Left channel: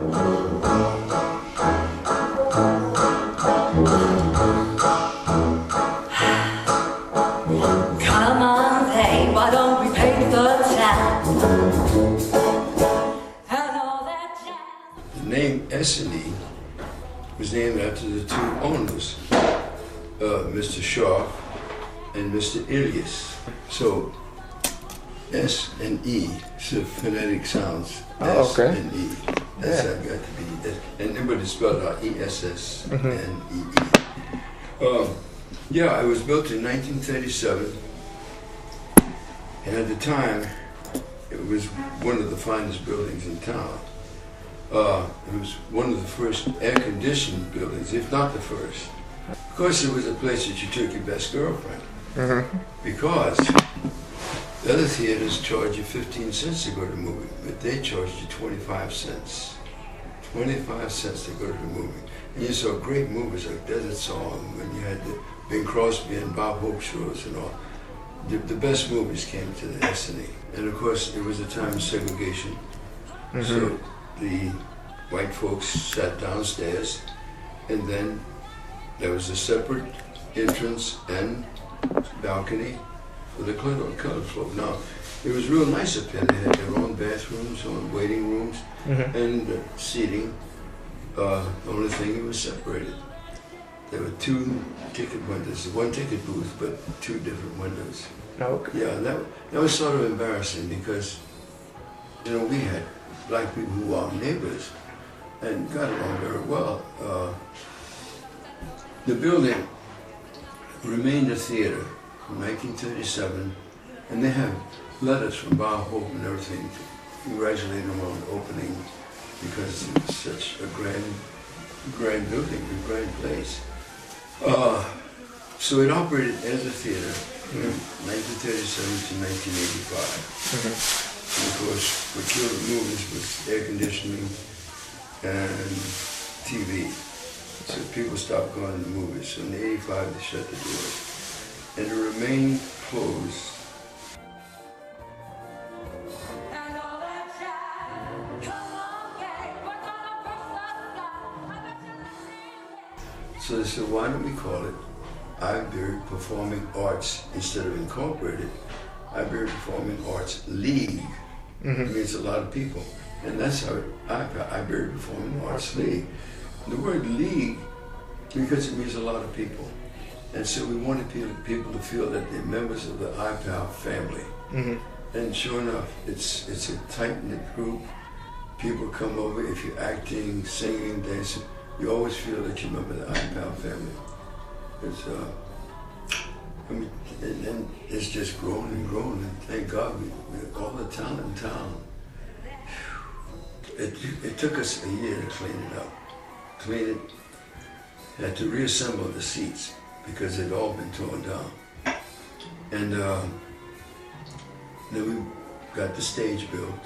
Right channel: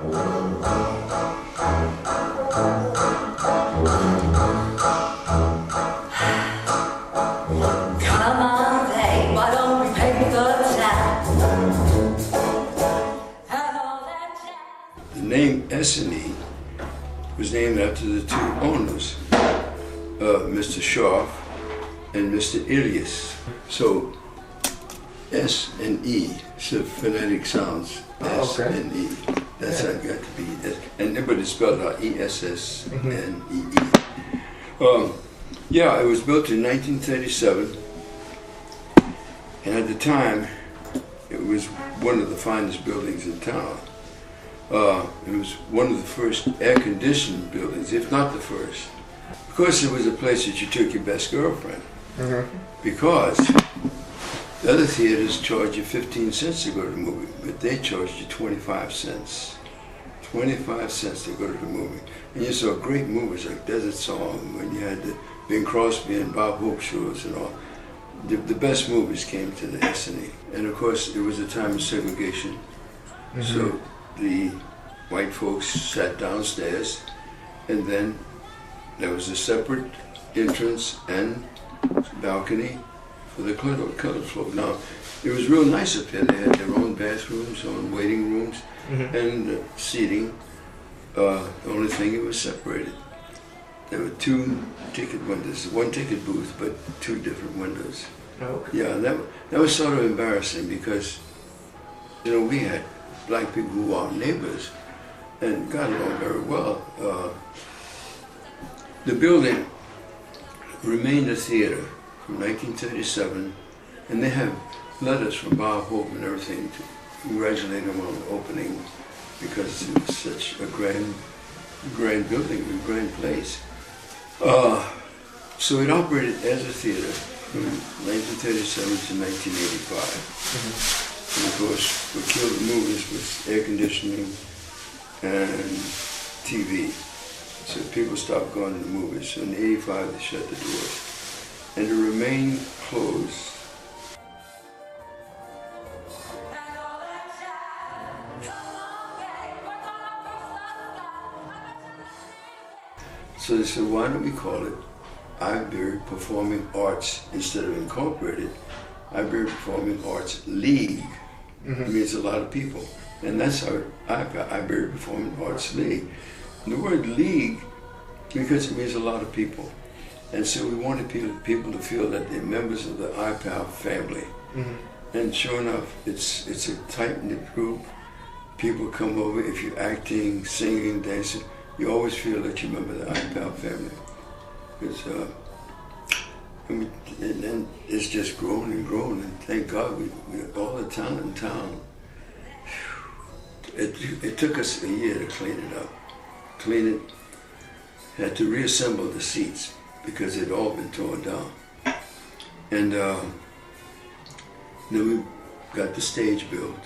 Come on, babe, why don't we take the time? And all that jazz. The name Essanee was named after the two owners, Mr. Sharp and Mr. Ilias. So S and E, so phonetic sounds. S and E. That's how it got to be. And everybody spelled out ESS and EE. Yeah, it was built in 1937. And at the time, it was one of the finest buildings in town. It was one of the first air-conditioned buildings, if not the first. Of course, it was a place that you took your best girlfriend. Because the other theaters charge you 15 cents to go to the movie, but they charged you 25 cents. 25 cents to go to the movie. And you saw great movies like Desert Song, when you had the Bing Crosby and Bob Hope shows and all. The best movies came to the essanee. And of course, it was a time of segregation. So the white folks sat downstairs, and then there was a separate entrance and balcony for the colored folk. Now, it was real nice up there. They had their own bathrooms, own waiting rooms, and seating. The only thing, it was separated. There were two ticket windows, one ticket booth, but two different windows. Okay. Yeah, that was sort of embarrassing because, you know, we had black people who were our neighbors and got along very well. The building remained a theater from 1937, and they have letters from Bob Hope and everything to congratulate him on the opening because it was such a grand building, a grand place. So it operated as a theater from 1937 to 1985. And of course, what killed the movies was air conditioning and TV. So people stopped going to the movies. So in '85, they shut the doors. And it remained closed. So they said, why don't we call it Iberia Performing Arts instead of Incorporated? Iberia Performing Arts League. It means a lot of people. And that's how Iberia Performing Arts League. The word league, because it means a lot of people. And so we wanted people to feel that they're members of the IPAL family. And sure enough, it's a tight-knit group. People come over, if you're acting, singing, dancing, you always feel that you're a member of the IPAL family. And it's just grown and grown, and thank God we have all the talent in town. It took us a year to clean it up. Clean it, had to reassemble the seats because they'd all been torn down. And then we got the stage built.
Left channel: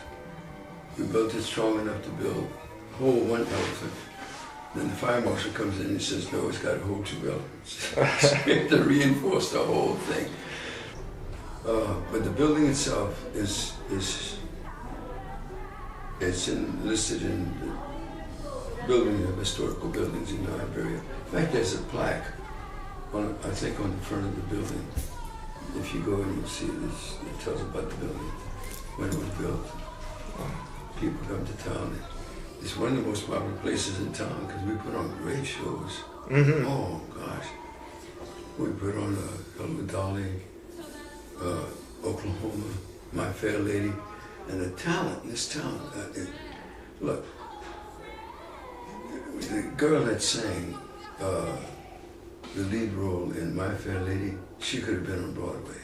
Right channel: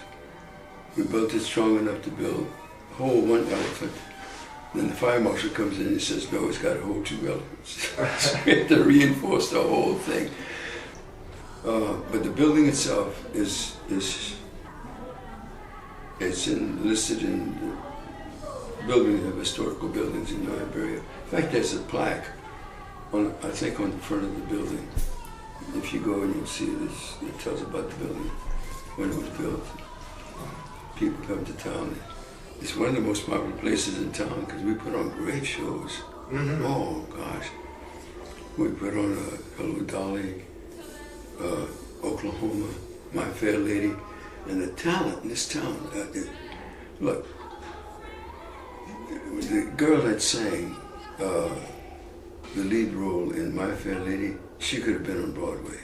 We built it strong enough to build hold one elephant. Then the fire marshal comes in and says, no, it's got to hold two elephants. So we had to reinforce the whole thing. But the building itself is listed in the building of historical buildings in Iberia. In fact, there's a plaque, I think, on the front of the building. If you go and you'll see this, it tells about the building, when it was built. People come to town. It's one of the most popular places in town because we put on great shows. Oh gosh. We put on Hello Dolly, Oklahoma, My Fair Lady, and the talent in this town. Look, the girl that sang the lead role in My Fair Lady, she could have been on Broadway.